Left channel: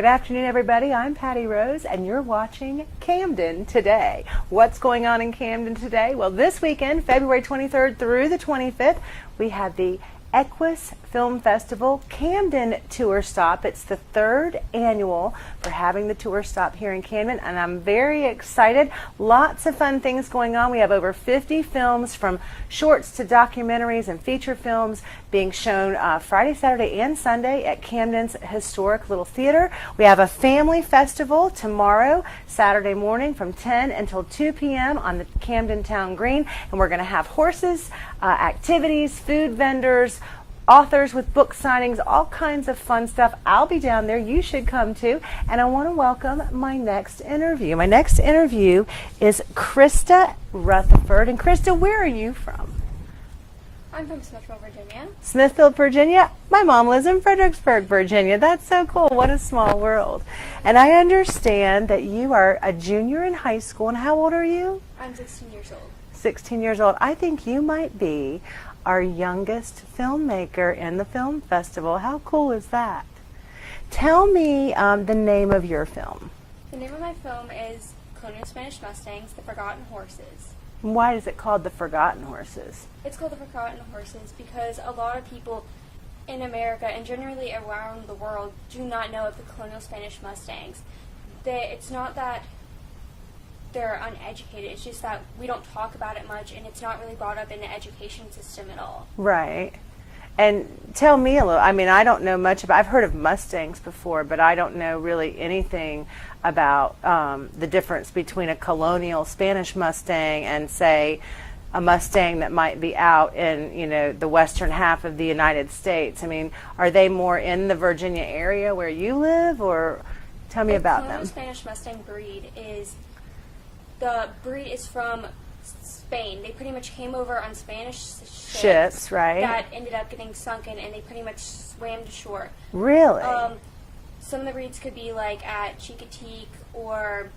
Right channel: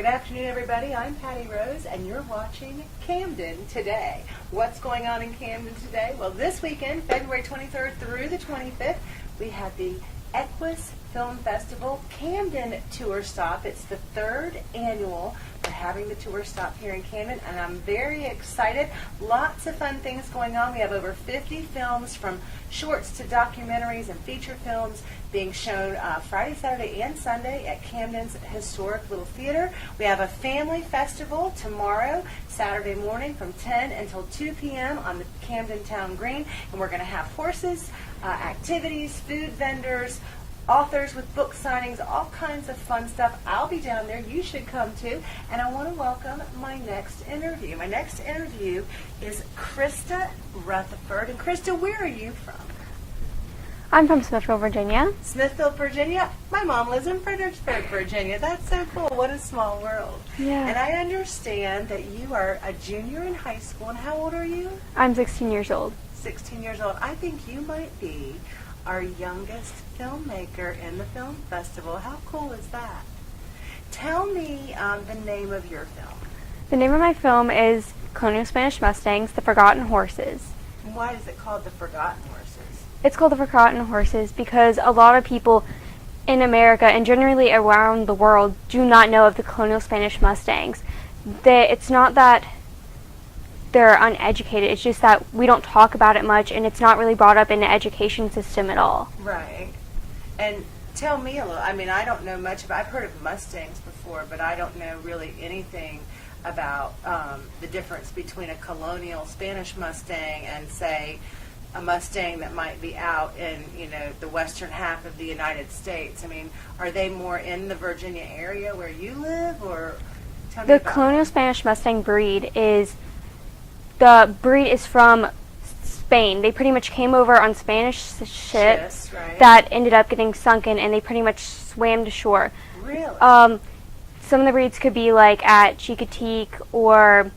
Good afternoon, everybody. I'm Patty Rose, and you're watching Camden Today. What's going on in Camden today? Well, this weekend, February 23rd through the 25th, we have the EQUUS Film Festival Camden Tour Stop. It's the third annual for having the tour stop here in Camden, and I'm very excited. Lots of fun things going on. We have over 50 films, from shorts to documentaries and feature films, being shown Friday, Saturday, and Sunday at Camden's historic little theater. We have a family festival tomorrow, Saturday morning, from 10 until 2 p.m. on the Camden Town Green, and we're going to have horses, activities, food vendors, authors with book signings, all kinds of fun stuff. I'll be down there. You should come too. And I want to welcome my next interview. My next interview is Krysta Rutherford. And Krysta, where are you from? I'm from Smithfield, Virginia. Smithfield, Virginia? My mom lives in Fredericksburg, Virginia. That's so cool. What a small world. Yeah. And I understand that you are a junior in high school. And how old are you? I'm 16 years old. 16 years old. I think you might be our youngest filmmaker in the film festival. How cool is that? Tell me the name of your film. The name of my film is Colonial Spanish Mustangs, The Forgotten Horses. Why is it called The Forgotten Horses? It's called The Forgotten Horses because a lot of people in America and generally around the world do not know of the Colonial Spanish Mustangs. It's not that they're uneducated, it's just that we don't talk about it much, and it's not really brought up in the education system at all. Right. And tell me a little, I mean, I don't know much about, I've heard of Mustangs before, but I don't know really anything about the difference between a colonial Spanish Mustang and, say, a Mustang that might be out in, you know, the western half of the United States. I mean, are they more in the Virginia area where you live, or tell me about The Colonial them. Spanish Mustang breed is, the breed is from Spain. They pretty much came over on Spanish ships right? that ended up getting sunken, and they pretty much swam to shore. Really? Some of the breeds could be like at Chicotique or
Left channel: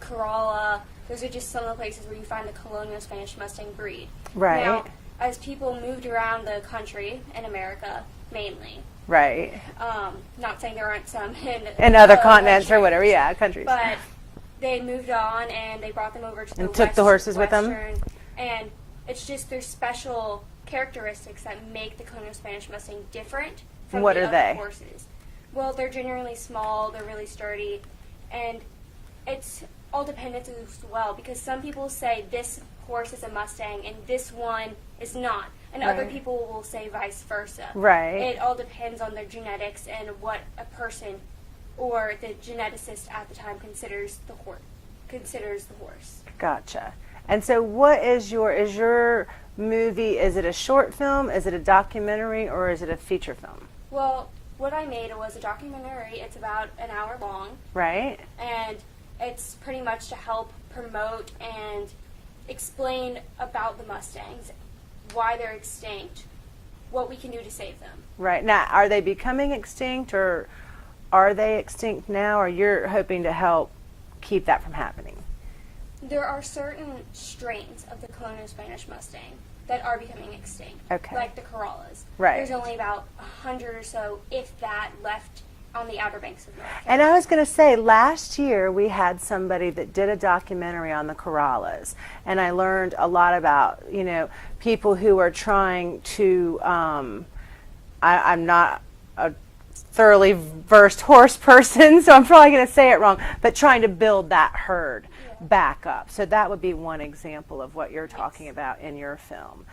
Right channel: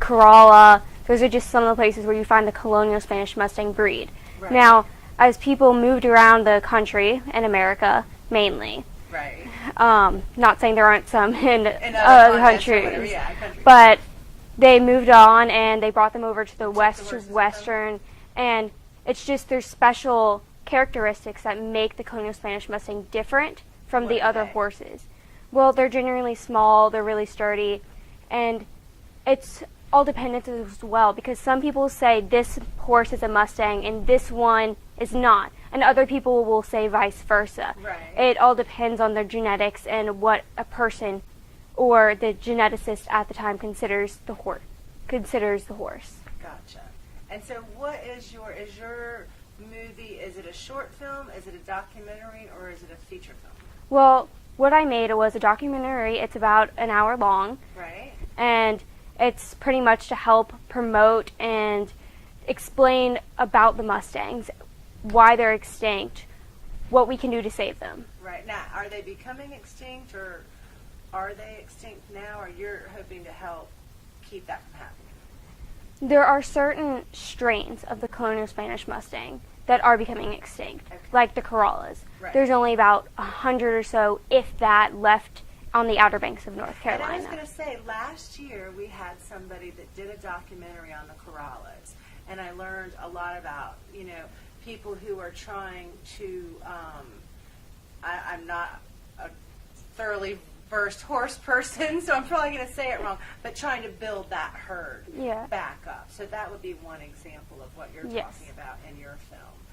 Corolla. Those are just some of the places where you find the Colonial Spanish Mustang breed. Right. Now, as people moved around the country, in America mainly, right. not saying there aren't some in other continents or whatever, countries, yeah, countries. but they moved on and they brought them over to the And took the horses with them? western, and it's just there's special characteristics that make the Colonial Spanish Mustang different from What the are other they? horses. Well, they're generally small, they're really sturdy, and it's all dependent as well, because some people say this horse is a Mustang and this one is not, and other people will say vice versa. Right. It all depends on their genetics and what a person or the geneticist at the time considers the horse. Gotcha. And so what is your movie, is it a short film, is it a documentary, or is it a feature film? Well, what I made was a documentary. It's about an hour long. Right. And it's pretty much to help promote and explain about the Mustangs, why they're extinct, what we can do to save them. Right. Now, are they becoming extinct, or are they extinct now, or you're hoping to help keep that from happening? There are certain strains of the Colonial Spanish Mustang that are becoming extinct, Okay. like the Corollas. Right. There's only about 100 or so, if that, left on the Outer Banks of North Carolina. And I was going to say, last year we had somebody that did a documentary on the Corollas, and I learned a lot about, you know, people who are trying to, I'm not a thoroughly versed horse person, so I'm probably going to say it wrong, but trying to build that herd back up. So that would be one example of what you're talking about in your film.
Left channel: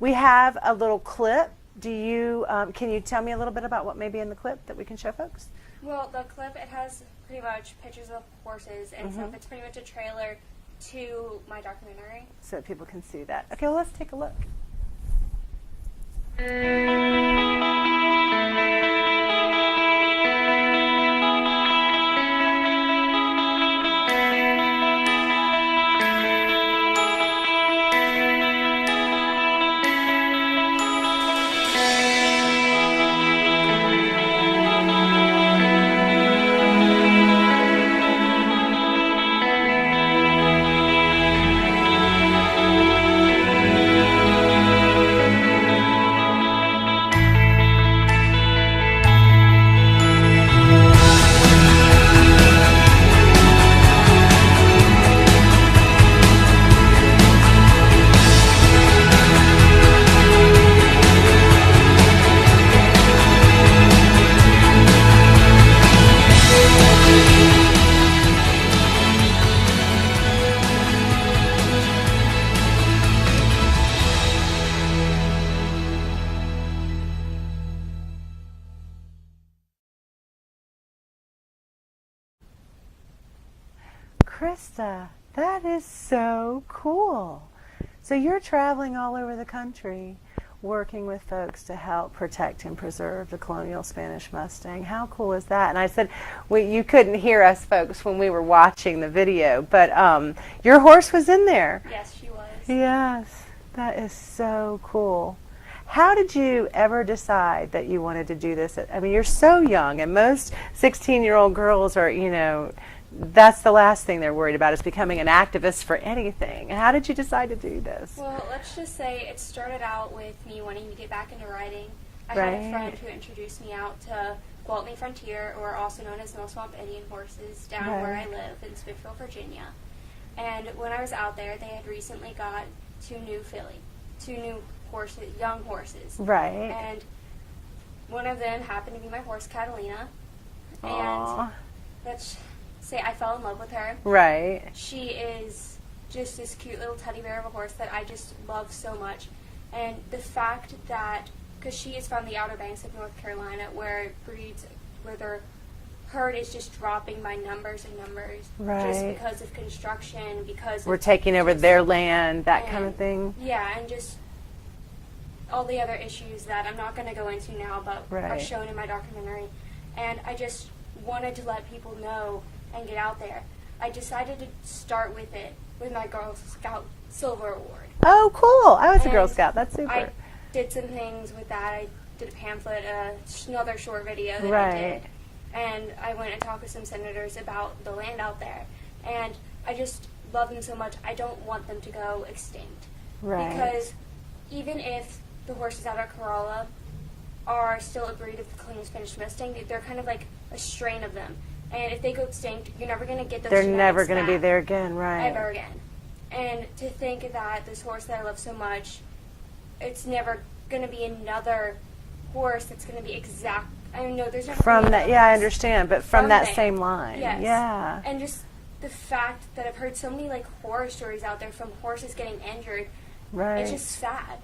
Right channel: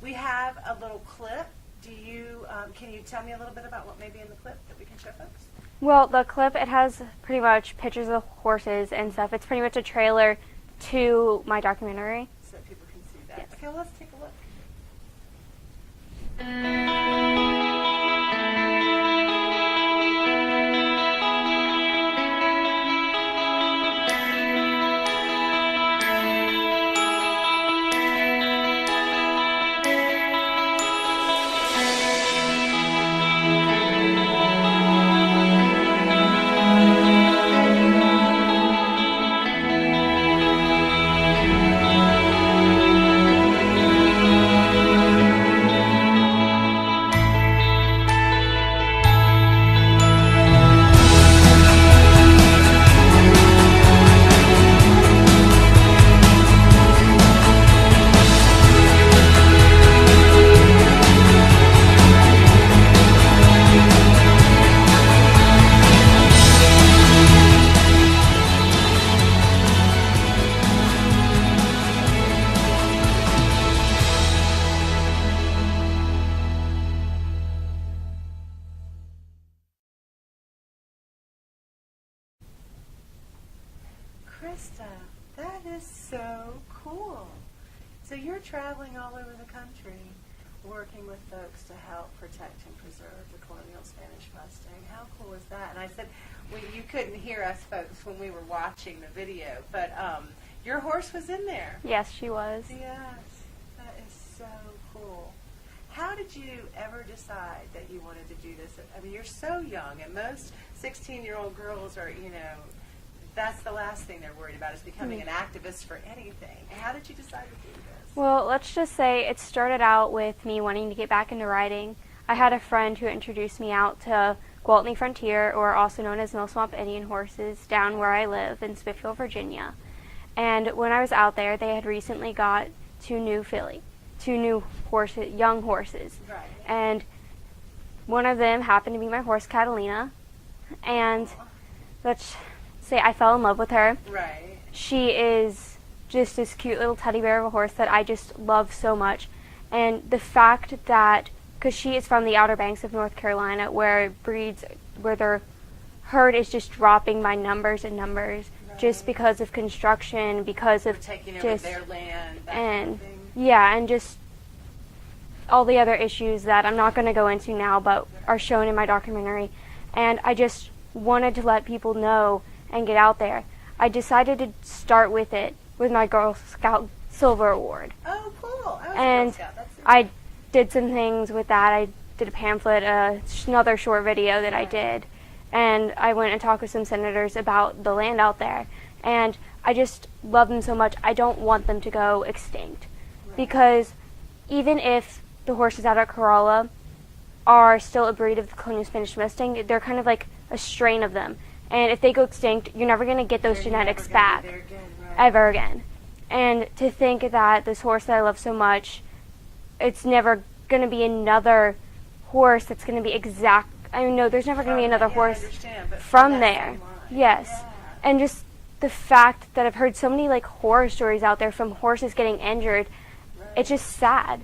We have a little clip. Do you, can you tell me a little bit about what may be in the clip that we can show folks? Well, the clip, it has pretty much pictures of horses and stuff. It's pretty much a trailer to my documentary. So that people can see that. Okay, well, let's take a look. Krysta, that is so cool. So you're traveling all over the country working with folks to help protect and preserve the colonial Spanish Mustang. How cool is that? And I said, you couldn't hear us folks when we were watching the video, but your horse was in there. Yes, she was. Yes, that is so cool. How did you ever decide that you wanted to do this? I mean, you're so young, and most 16-year-old girls are, that's the last thing they're worried about, is becoming an activist for anything. How did you decide to do this? Well, let's just say it started out with me wanting to get back into riding. I had a friend who introduced me out to Gwaltney Frontier, or also known as Mill Swamp Indian horses, down where I live in Smithfield, Virginia. And when I was out there, they had recently got two new horses, young horses. Right. And one of them happened to be my horse, Catalina. And let's say I fell in love with her. Right. She is just this cute little teddy bear of a horse that I just love so much. And the fact that, because she is from the Outer Banks of North Carolina, where their herd is just dropping by numbers and numbers, just because of construction, because we're taking over their land, that kind of thing. Yeah, and just all the other issues that I'm not going to go into now, but are shown in my documentary. And I just wanted to let people know and get out there. I decided to start with it with my Girl Scout Silver Award. Oh, cool. I was a Girl Scout. That's super. I did some things with that. I did a pamphlet, another short video that I did. And I went and talked with some senators about the land out there. And I just love them so much. I don't want them to go extinct. Because even if the horses out at Corolla are still a breed of the colonial Spanish Mustang, they're kind of like a strain of them. And if they go extinct, you're never going to get those genetics back. They're never going to be there again, ever again. And to think that this horse that I love so much, it's never going to be another horse that's going to be exact. I mean, no, there's never going to be another horse. Yeah, I understand, but from that there. Same line. Yes. Yeah. And just the fact that I've heard so many horror stories out there from horses getting injured, it's just sad.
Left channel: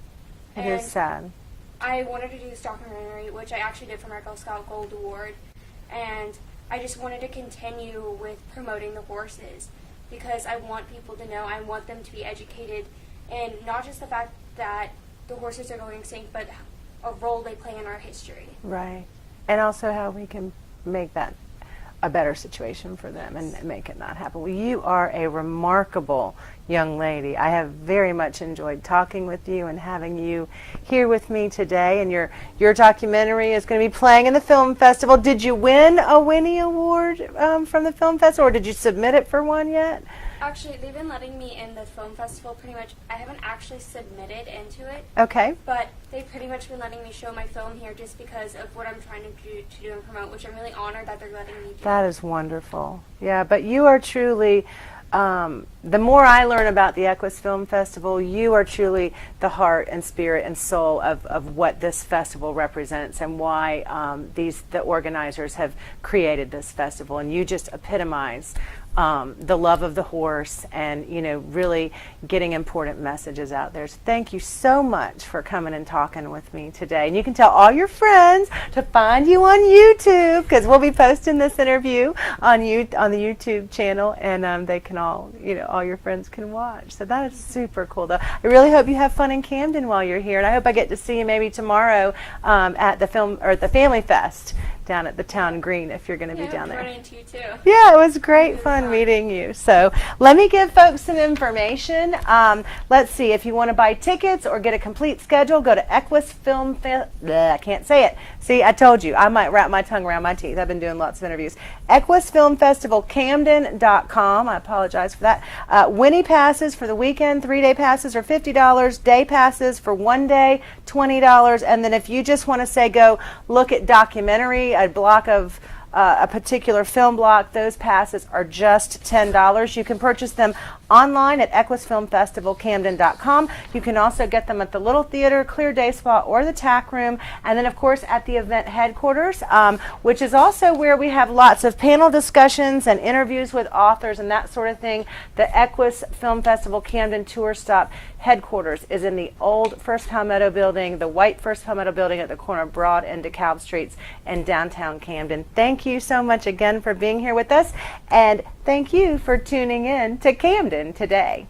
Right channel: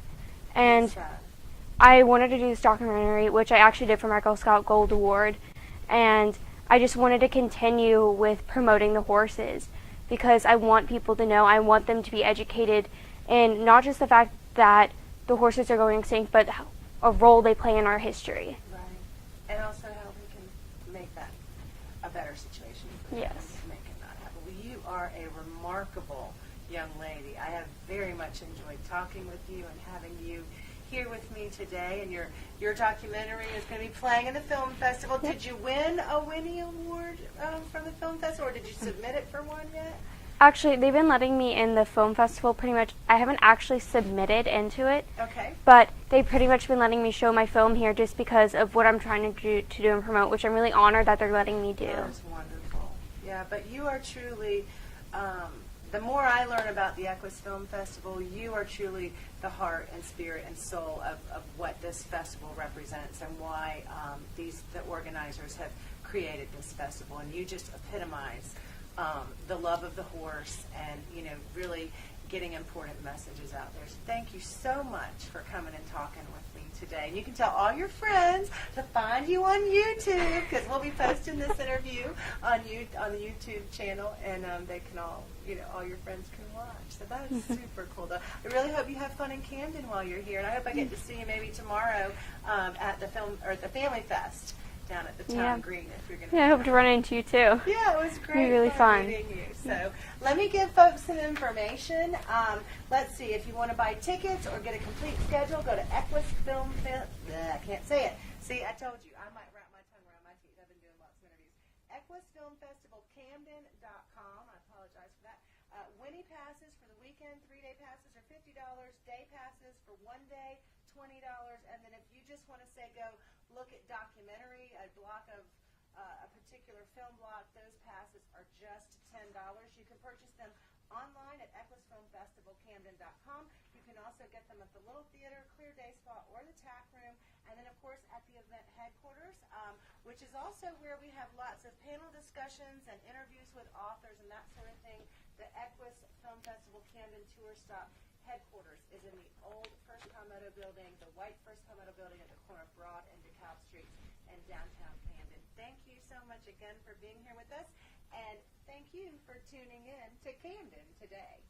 It is sad. I wanted to do this documentary, which I actually did for my Girl Scout Gold Award, and I just wanted to continue with promoting the horses because I want people to know, I want them to be educated in not just the fact that the horses are going extinct, but a role they play in our history. Right. And also how we can make that a better situation for them and make it not happen. Well, you are a remarkable young lady. I have very much enjoyed talking with you and having you here with me today. And your documentary is going to be playing in the film festival. Did you win a Winnie Award from the film festival, or did you submit it for one yet? Actually, they've been letting me in the film festival pretty much. I haven't actually submitted into it. Okay. But they've pretty much been letting me show my film here just because of what I'm trying to do and promote, which I'm really honored that they're letting me do. That is wonderful. Yeah, but you are truly, the more I learn about the EQUUS Film Festival, you are truly the heart and spirit and soul of what this festival represents and why the organizers have created this festival. And you just epitomize the love of the horse and, really getting important messages out there. So thank you so much for coming and talking with me today. And you can tell all your friends to find you on YouTube, because we'll be posting this interview on the YouTube channel, and they can all your friends can watch. So that is super cool, though. I really hope you have fun in Camden while you're here, and I hope I get to see you maybe tomorrow at the Family Fest down at the Town Green, if you're going to be down there. I hope to run into you too. Yeah, it was great fun meeting you. So let me give folks some information. Let's see, if you want to buy tickets or get a complete schedule, go to EQUUS Film I can't say it. See, I told you, I might wrap my tongue around my teeth. I've been doing lots of interviews. EQUUS Film Festival Camden.com. I apologize for that. Winnie passes for the weekend, 3-day passes are $50. Day passes for 1 day, $20. And then if you just want to say go look at documentary, a block of a particular film block, those passes are just $10. You can purchase them online at EQUUSFilmFestivalCamden.com. You can also get them at the Little Theater, Clear Day Spa, or the TAC Room, and then of course at the event headquarters, which is also where we have lots of panel discussions and interviews with authors and that sort of thing. The EQUUS Film Festival Camden Tour Stop headquarters is in the old First Palmetto building, the white First Palmetto building at the corner of Broad and DeKalb Streets in downtown Camden. Thank thank you so much again for being here with us, and thank you for tuning in to Camden today.